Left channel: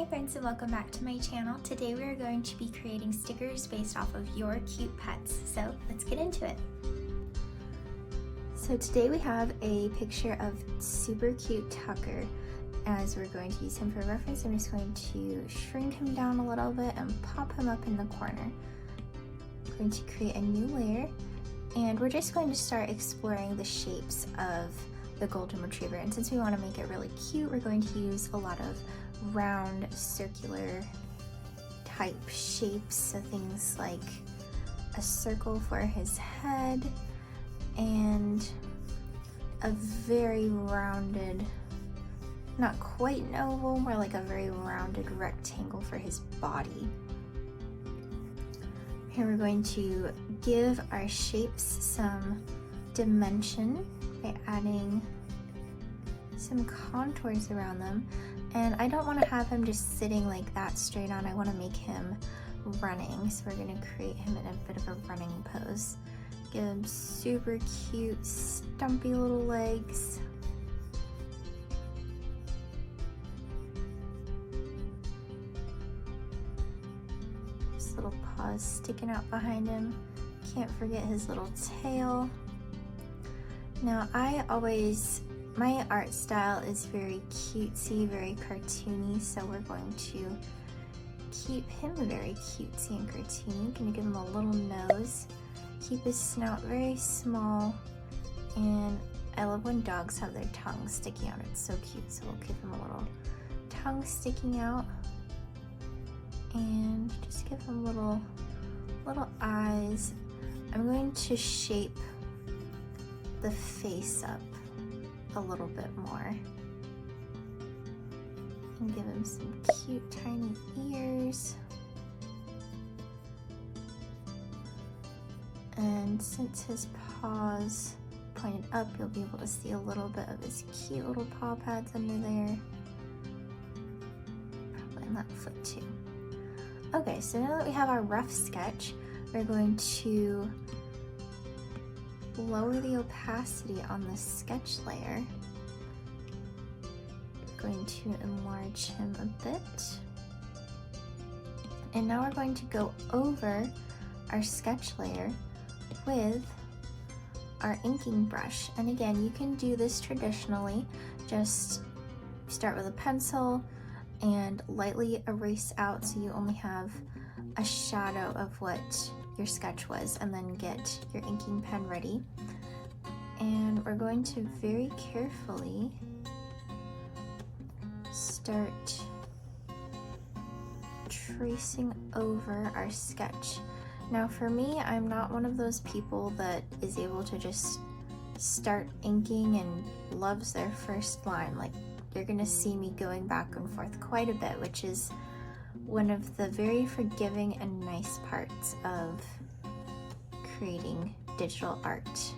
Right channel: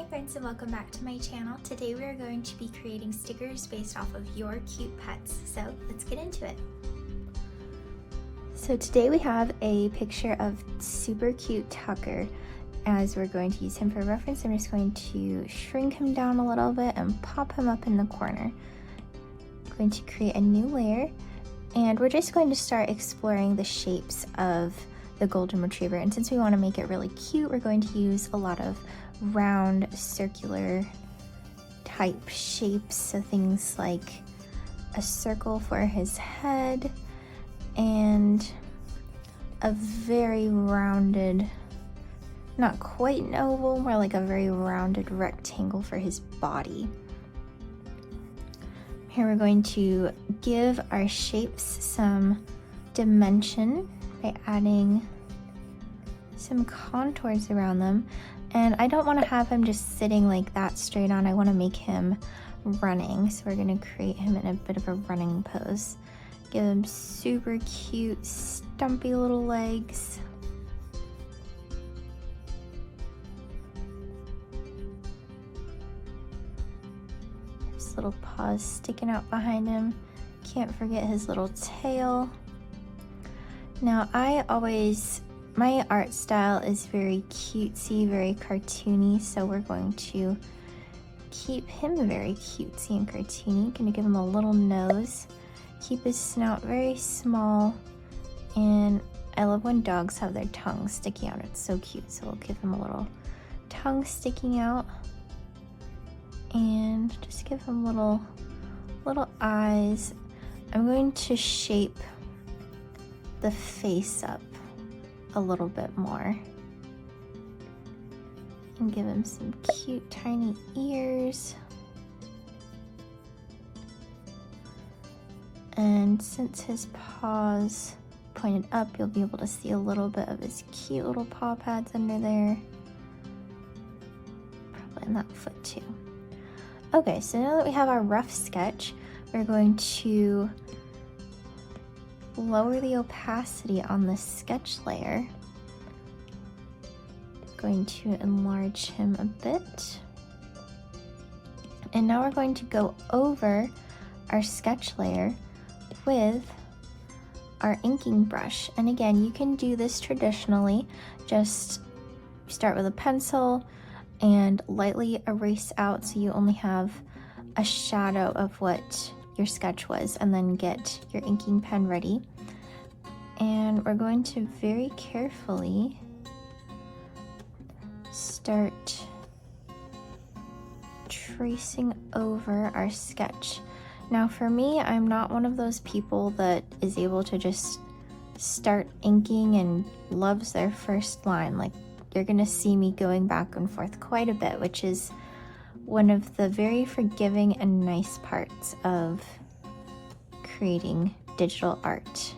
Hi friends and welcome back to my channel. Today we are going to be creating stickers based off of your cute pets. So let's get into it. So today we have a picture of super cute Tucker. As we're going to use him for reference, I'm just going to shrink him down a little bit and pop him up in the corner. I'm going to create a new layer and we're just going to start exploring the shapes of the golden retriever. And since we want to make it really cute, we're going to use a lot of round circular type shapes, so things like a circle for his head and a very rounded, not quite an oval, more like a very rounded rectangle for his body. Here we're going to give our shapes some dimension by adding some contours around them. And I don't want to have him just sitting like that straight on. I want to make him running. So we're going to create him in a bit of a running pose. Give him super cute, stumpy little legs. His little paws sticking out behind him. Can't forget his little tail. Now my art style is very cutesy, very cartoony, so we're going to keep him very cutesy and cartoony. Gonna give him a little nose, keep his snout very small, and I love when dogs have their tongues sticking out. It's so cute, so we'll give him a little tongue sticking out, and just give him little eyes. I'm going to shape the face up a little bit more and give him some cute tiny ears. And since his paws pointed up, you'll be able to see a little bit of his cute little paw pads under there. Probably in that foot too. Okay, so now that we have our rough sketch, we're going to lower the opacity on the sketch layer. Going to enlarge him a bit. And now we're going to go over our sketch layer with our inking brush. And again, you can do this traditionally. Just start with a pencil and lightly erase out so you only have a shadow of what your sketch was, and then get your inking pen ready. And we're going to very carefully start tracing over our sketch. Now for me, I'm not one of those people that is able to just start inking and loves their first line. Like, you're gonna see me going back and forth quite a bit, which is one of the very forgiving and nice parts of creating digital art.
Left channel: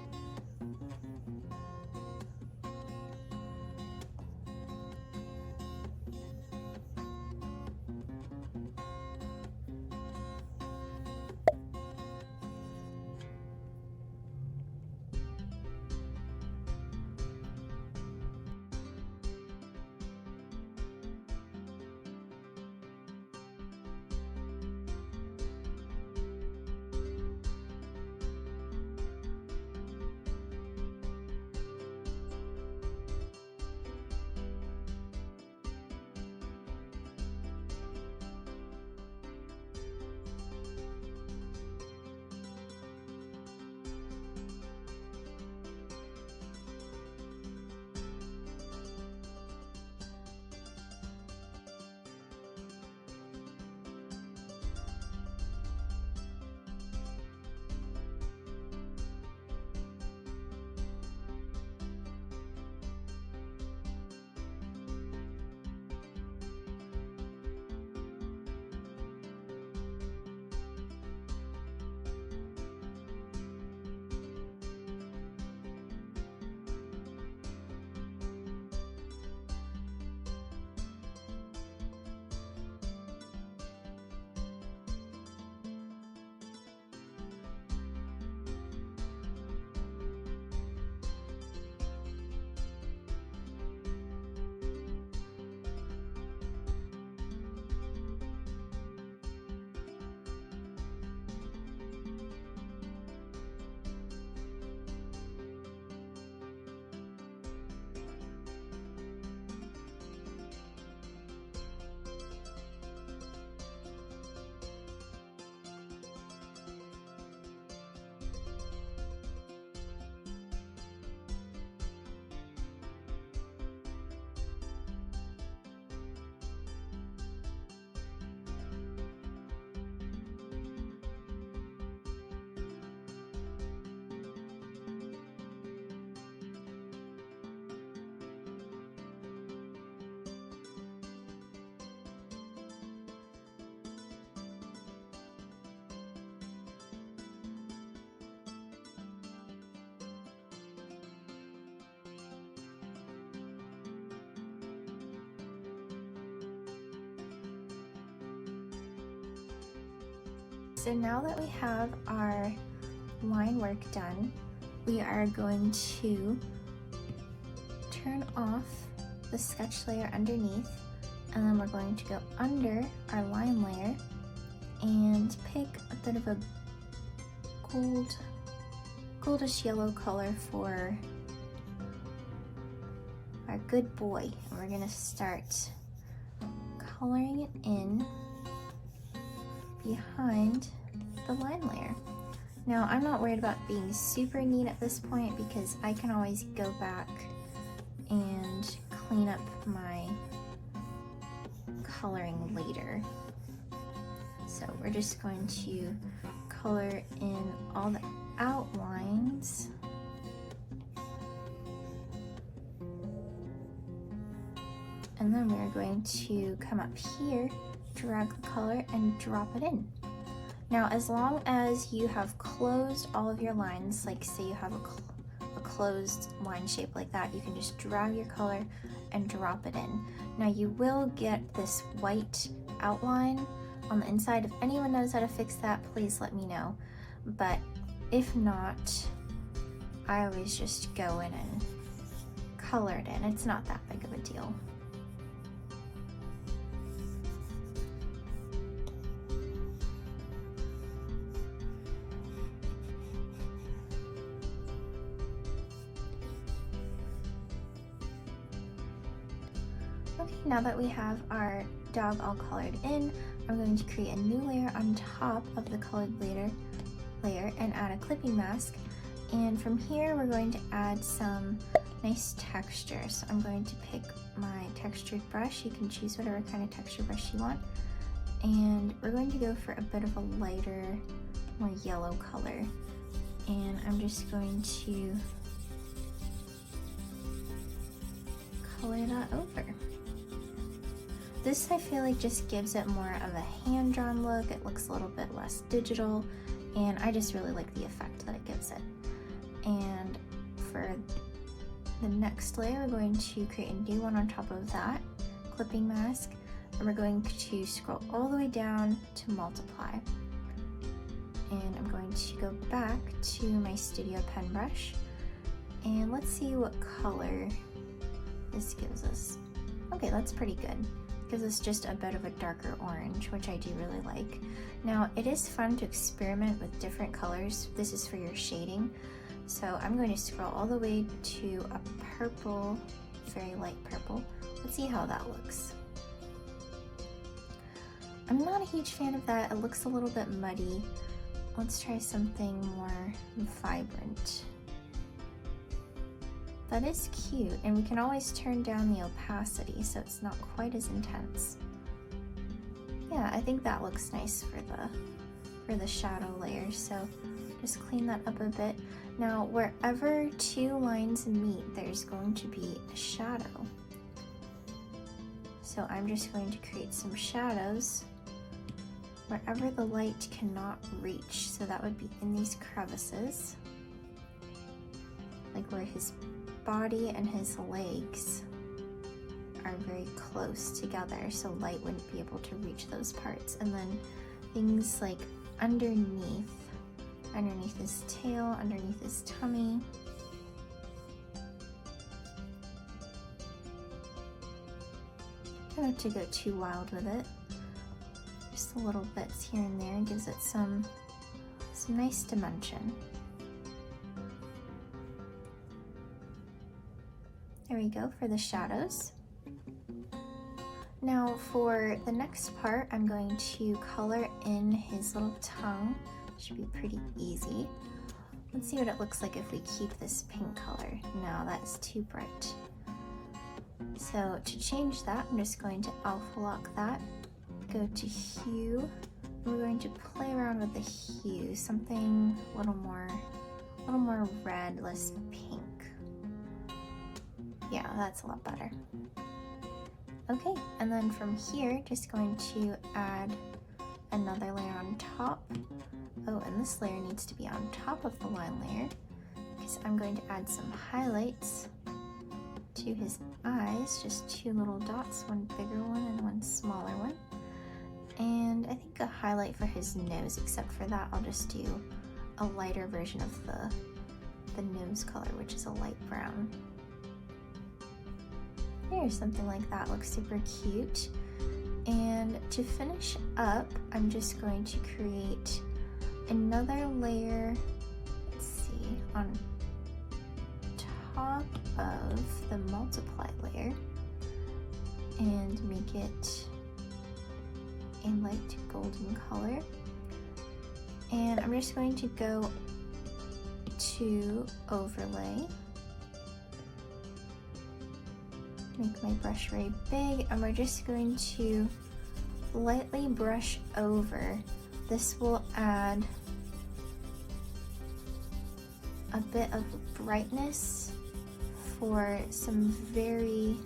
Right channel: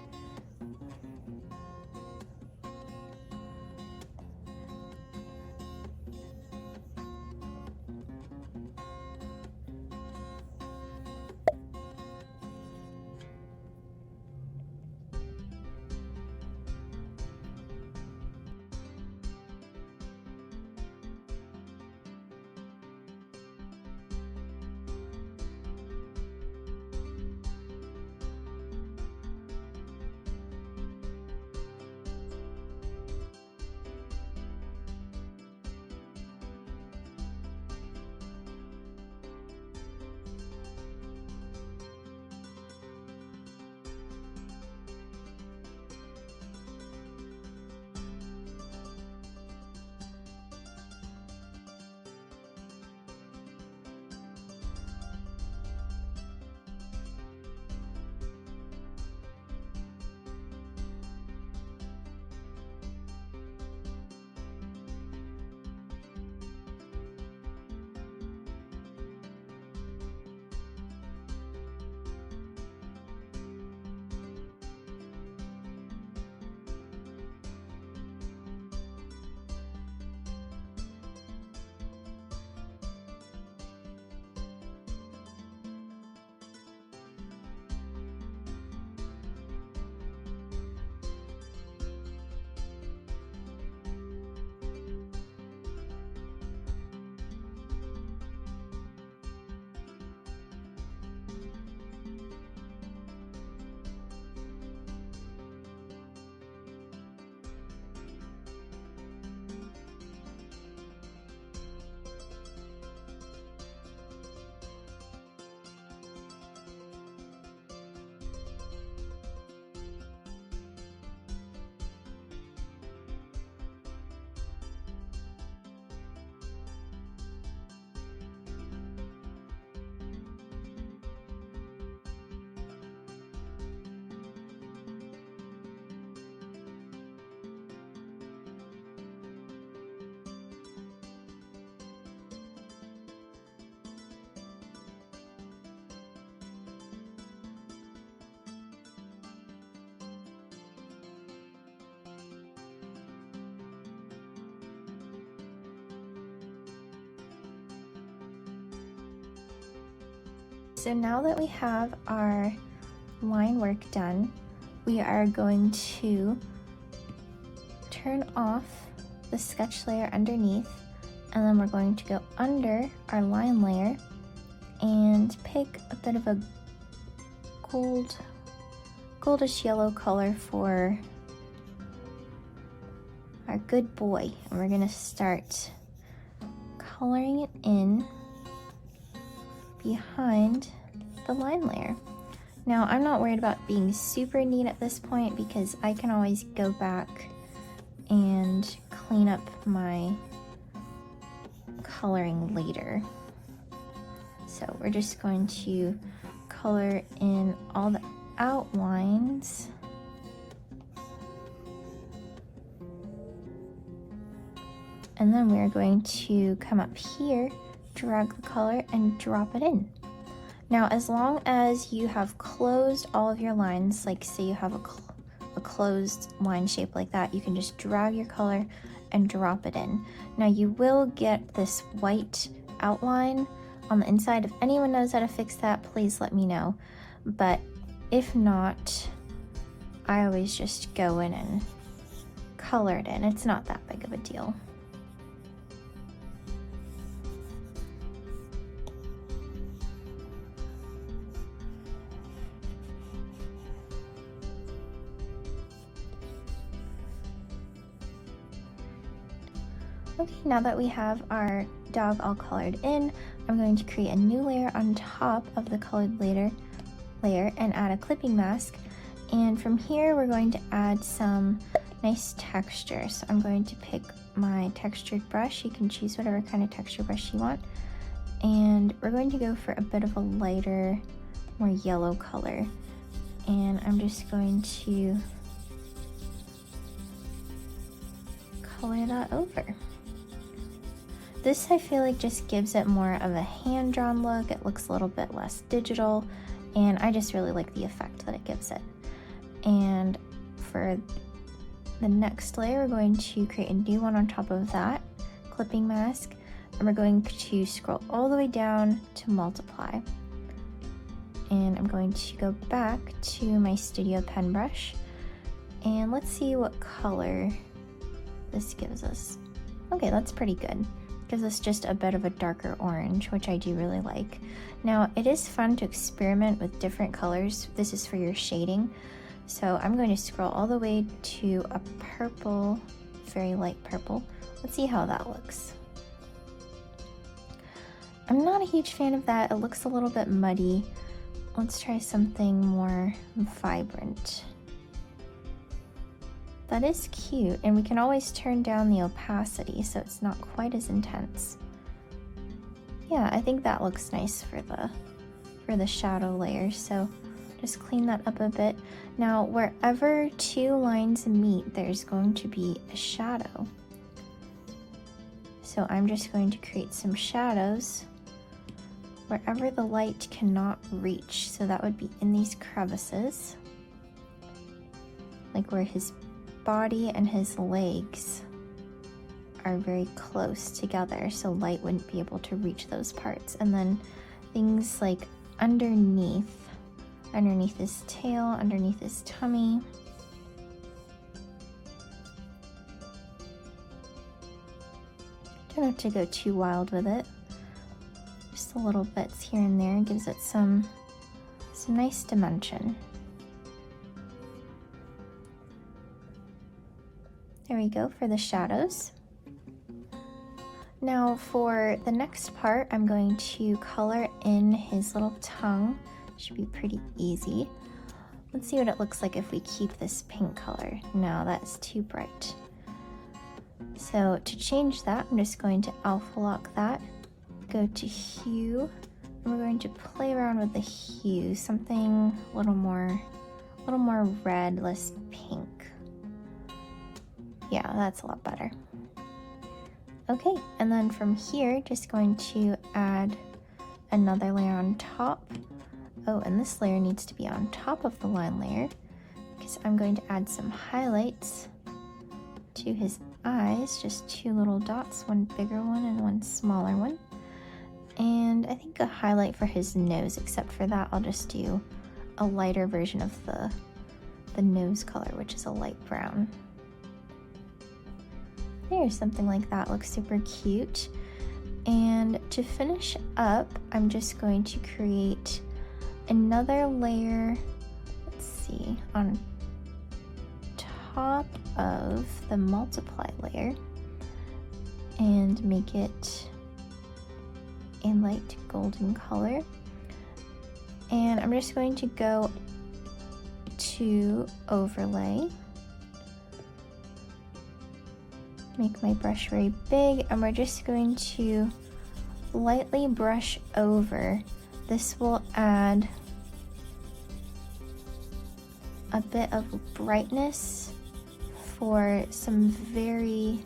So now that we have our line work done, we are going to turn off the sketch layer underneath, and then we're going to go under our line layer and pick a bit of a goldish yellow color for our good boy. And we're gonna start coloring it in behind the line layer. Now, I'm not worried about being super neat at this point because I can always go back and clean up my coloring later. So we're just going to color in all the outlines. And then we're going to come up here, drag the color, and drop it in. Now, as long as you have closed all of your lines, like say you have a closed line shape like that, you can just drag your color and drop it in. Now, you will get this white outline on the inside. If anyone knows how to fix that, please let me know. But if not, I always just go in and color it in. It's not that big of a deal. Okay, now that we have our dog all colored in, I'm going to create a new layer on top of the colored layer and add a clipping mask. And from here, we're going to add some nice texture. So I'm going to pick my textured brush. You can choose whatever kind of texture brush you want. And we're going to go for a bit of a lighter, more yellow color. And I'm just going to color that over. This, I feel like, just gives it more of a hand-drawn look. It looks a little bit less digital, and I just really like the effect that it gives it. And for the next layer, we're going to create a new one on top of that clipping mask, and we're going to scroll all the way down to multiply. And I'm going to go back to my Studio Pen brush, and let's see what color this gives us. Okay, that's pretty good. Gives us just a bit of a darker orange, which I do really like. Now, it is fun to experiment with different colors. This is for your shading. So I'm going to scroll all the way to a purple, very light purple. Let's see how that looks. I'm not a huge fan of that. It looks a little bit muddy. Let's try something more vibrant. That is cute, and we can always turn down the opacity so it's not quite as intense. Yeah, I think that looks nice for the shadow layer, so just clean that up a bit. Now, wherever two lines meet, there's going to be a shadow. So I'm just going to create some shadows wherever the light cannot reach. So that would be in these crevices, like where his body and his legs are very close together, so light wouldn't be able to reach those parts. And then things like underneath his tail, underneath his tummy. Don't have to go too wild with it. Just a little bits here and there gives it some nice dimension. There we go for the shadows. Now for the next part, I'm going to color in his little tongue. Should be pretty easy. Let's see what it looks like if we keep this pink color. No, that's too bright. So to change that, I'm just going to alpha lock that. Go to hue. I'm going to play around with the hue, something a little more red, less pink. Yeah, that's a lot better. Okay, and then from here, just going to add another layer on top. Oh, and this layer needs to be on top of the line layer because I'm going to add some highlights to his eyes, just two little dots, one bigger one and one smaller one. and I think a highlight for his nose. Except for that, I'll just do a lighter version of the nose color, which is a light brown. There's something like that, looks super cute. And to finish up, I'm just going to create another layer, let's see, on top of the multiply layer and make it a light golden color. And I'm just going to go to overlay, make my brush very big, and we're just going to lightly brush over. This will add a bit of brightness for some very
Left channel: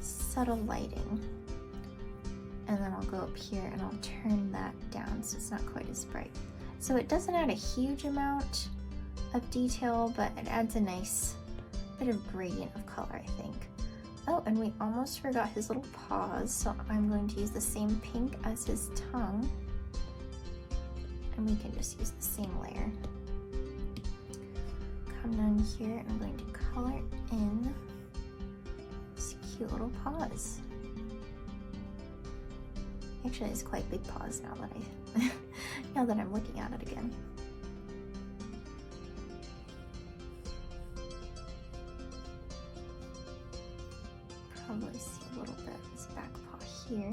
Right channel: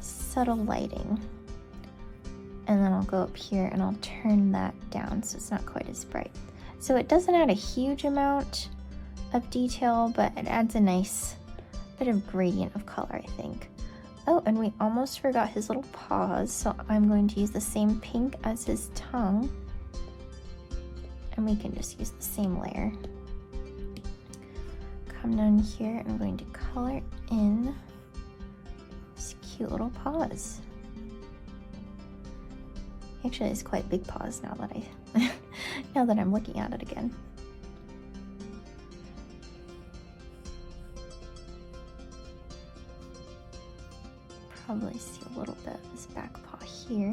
subtle lighting. And then I'll go up here and I'll turn that down so it's not quite as bright. So it doesn't add a huge amount of detail, but it adds a nice bit of gradient of color, I think. Oh, and we almost forgot his little paws, so I'm going to use the same pink as his tongue. And we can just use the same layer. Come down here and I'm going to color in his cute little paws. Actually, it's quite big paws now that now that I'm looking at it again. Probably see a little bit of his back paw here.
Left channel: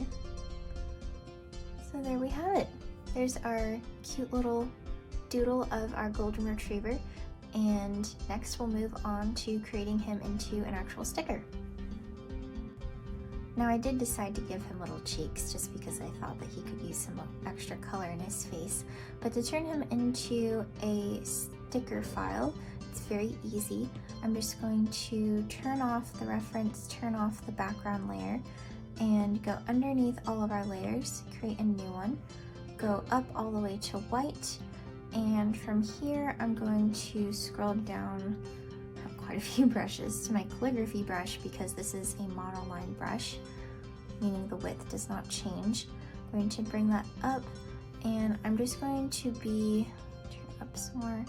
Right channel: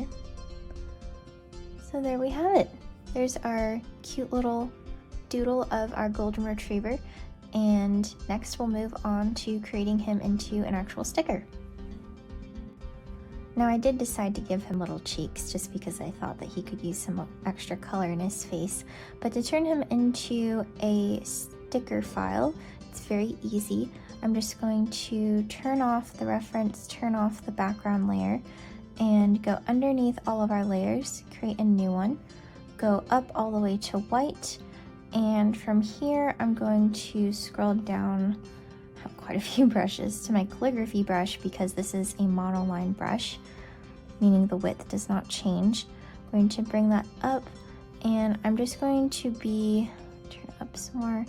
So there we have it. There's our cute little doodle of our golden retriever. And next we'll move on to creating him into an actual sticker. Now I did decide to give him little cheeks just because I thought that he could use some extra color in his face. But to turn him into a sticker file, it's very easy. I'm just going to turn off the reference, turn off the background layer, and go underneath all of our layers, create a new one, go up all the way to white, and from here I'm going to scroll down, I have quite a few brushes, to my calligraphy brush because this is a monoline brush, meaning the width does not change. I'm going to bring that up, and I'm just going to be, turn it up some more,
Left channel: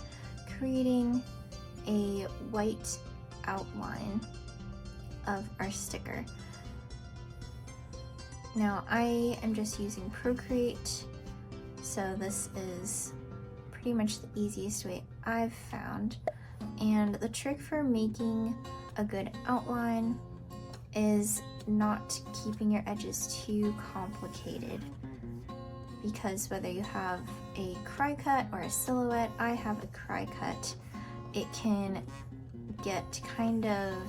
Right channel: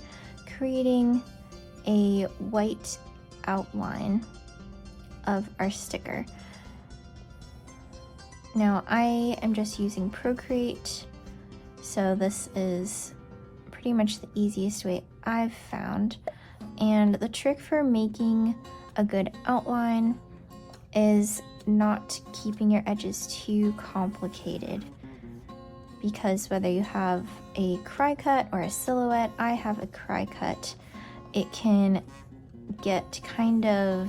creating a white outline of our sticker. Now I am just using Procreate, so this is pretty much the easiest way I've found. And the trick for making a good outline is not keeping your edges too complicated, because whether you have a cry cut or a silhouette, I have a cry cut, it can get kind of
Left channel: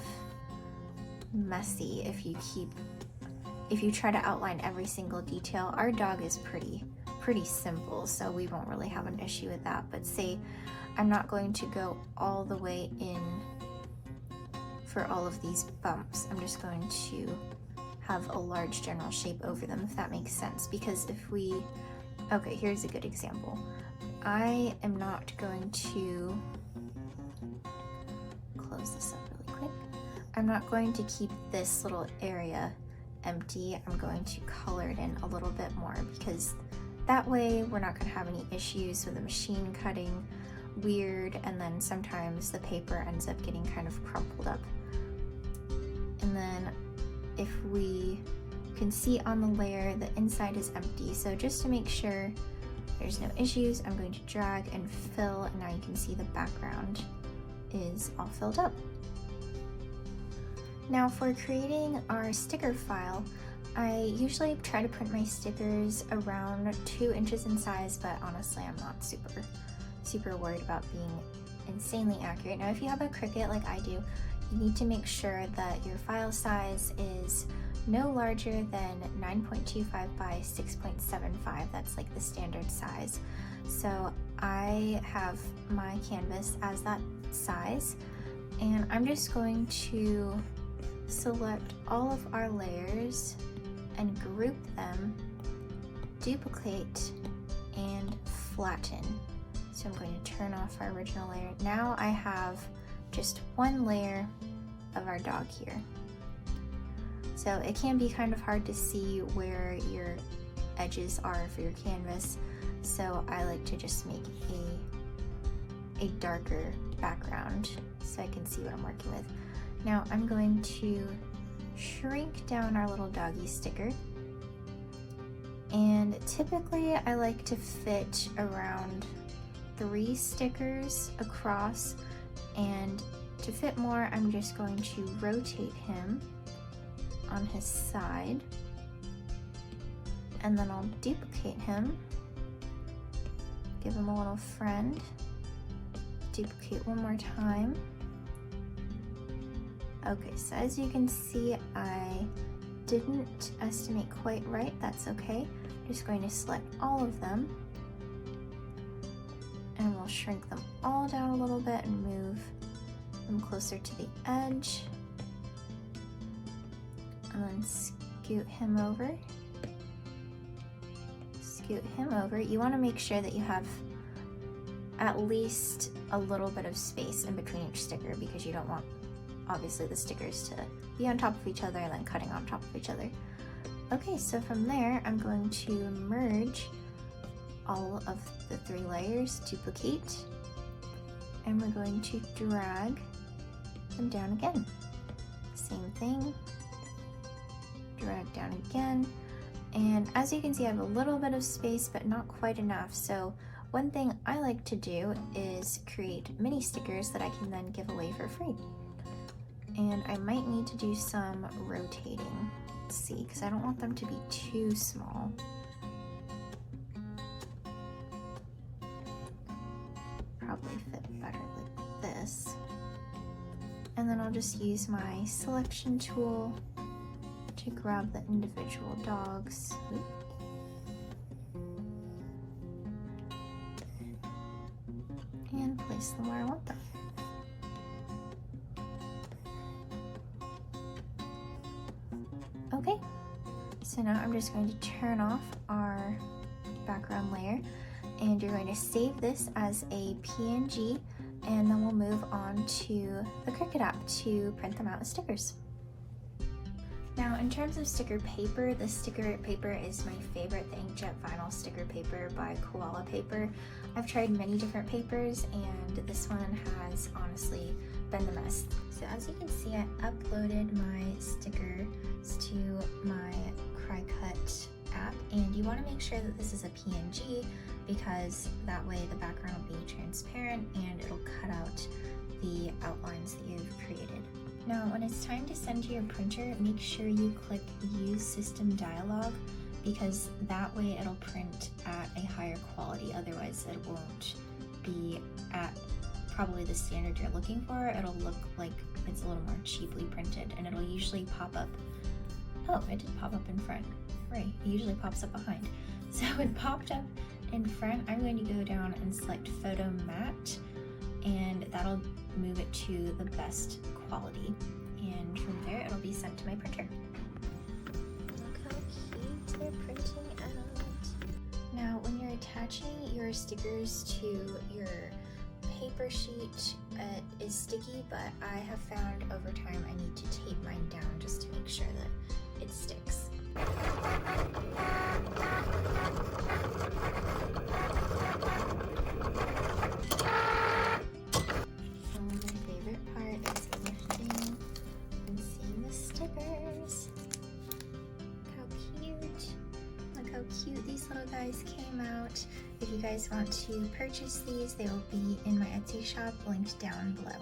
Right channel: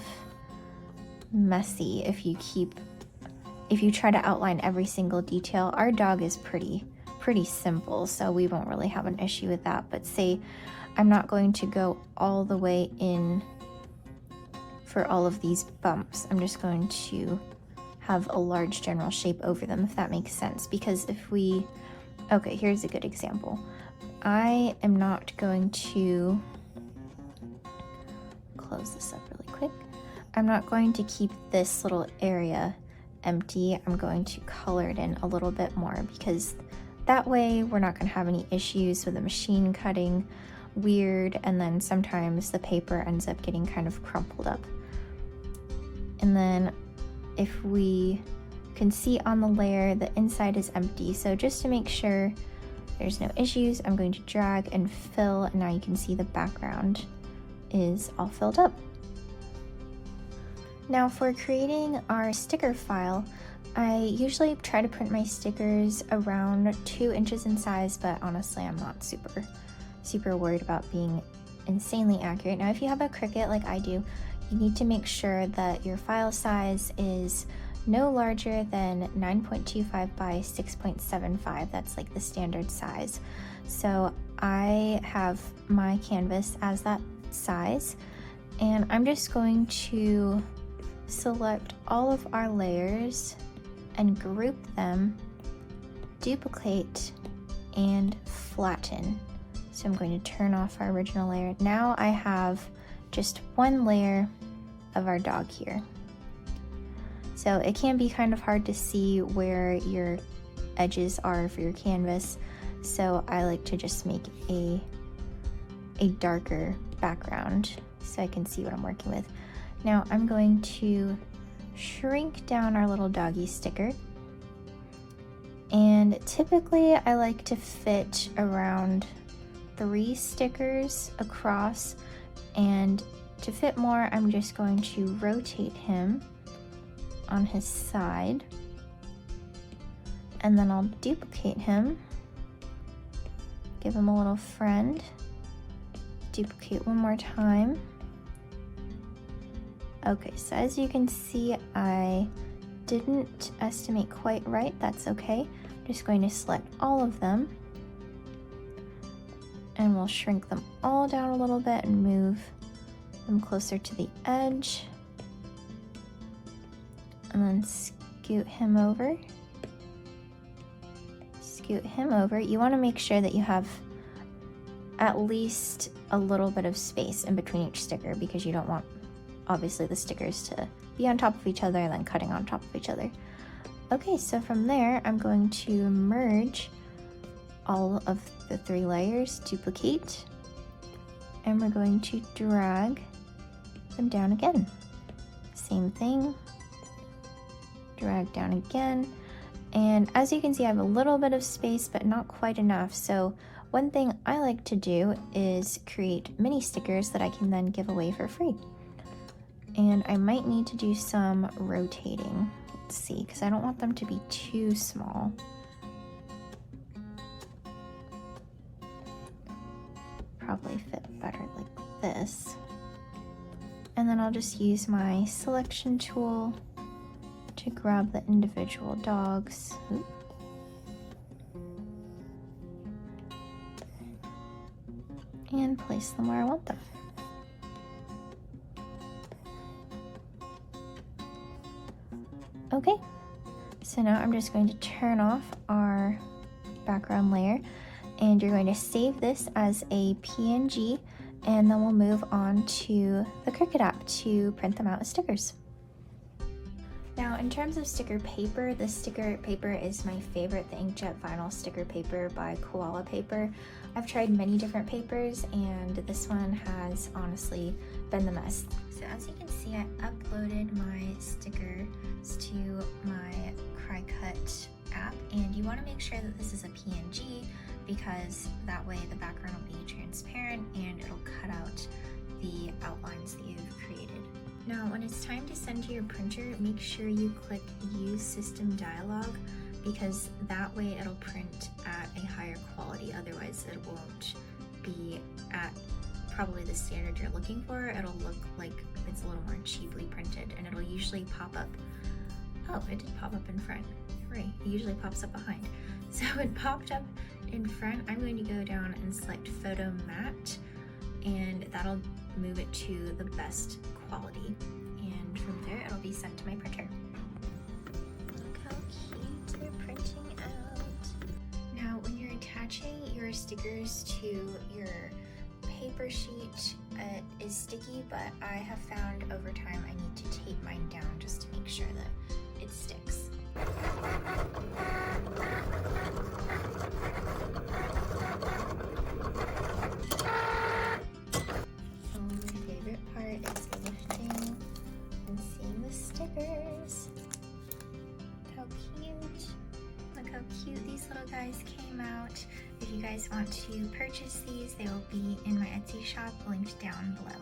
messy if you try to outline every single detail. Our dog is pretty simple, so we won't really have an issue with that. But say I'm not going to go all the way in for all of these bumps. I'm just going to have a large general shape over them, if that makes sense. Because if we, okay, here's a good example. I am not going to close this up really quick. I'm not going to keep this little area empty. I'm going to color it in a little bit more, because that way we're not going to have any issues with the machine cutting weird, and then sometimes the paper ends up getting kind of crumpled up. And then if we can see on the layer, the inside is empty. So just to make sure there's no issues, I'm going to drag and fill, and now you can see the background is all filled up. Now for creating our sticker file, I usually try to print my stickers around 2 inches in size, but honestly I'm not super worried about being insanely accurate. Now if you have a Cricut like I do, you need to make sure that your file size is no larger than 9.25 by 6.75. That's like the standard size. So I have my canvas as that size, and I'm just going to select all of our layers and group them, duplicate, and flatten. So I'm going to turn off our original layer. Now I have just one layer of our dog here. So it can be kind of hard to see where your edges are for your canvas. So I like to just make a darker background so I can see what I'm working with. Now I'm going to shrink down our little doggy sticker. And typically I like to fit around 3 stickers across, and to fit more, I'm just going to rotate him on his side, and then I'll duplicate him, give him a little friend, duplicate one more time. Okay, so as you can see, I didn't estimate quite right. That's okay. I'm just going to select all of them, and we'll shrink them all down a little bit and move them closer to the edge, and then scoot him over. Scoot him over. You want to make sure that you have at least a little bit of space in between each sticker, because you don't want, obviously, the stickers to be on top of each other and then cutting on top of each other. Okay, so from there, I'm going to merge all of the 3 layers, duplicate, and we're going to drag them down again. Same thing, drag down again. And as you can see, I have a little bit of space, but not quite enough. So one thing I like to do is create mini stickers that I can then give away for free. And I might need to do some rotating. Let's see, because I don't want them to be too small. Probably fit better like this. And then I'll just use my selection tool to grab the individual dogs. And place them where I want them. Okay, so now I'm just going to turn off our background layer, and you're going to save this as a PNG, and then we'll move on to the Cricut app to print them out as stickers. Now, in terms of sticker paper, the sticker paper is my favorite, the inkjet vinyl sticker paper by Koala Paper. I've tried many different papers, and this one has honestly been the best. So as you can see, I uploaded my stickers to my Cricut app, and you want to make sure that this is a PNG, because that way the background will be transparent and it'll cut out the outlines that you've created. Now, when it's time to send to your printer, make sure you click Use System Dialog, because that way it'll print at a higher quality. Otherwise, it won't be at probably the standard you're looking for. It'll look like it's a little more cheaply printed, and it'll usually pop up. Oh, it did pop up in front. Right, it usually pops up behind. So it popped up in front. I'm going to go down and select Photo Matte, and that'll move it to the best quality, and from there it'll be sent to my printer. Look how cute we're printing out. Now, when you're attaching your stickers to your paper sheet, it is sticky, but I have found over time I need to tape mine down just to make sure that it sticks. Cute these little guys came out. If you guys want to purchase these, they will be in my Etsy shop linked down below.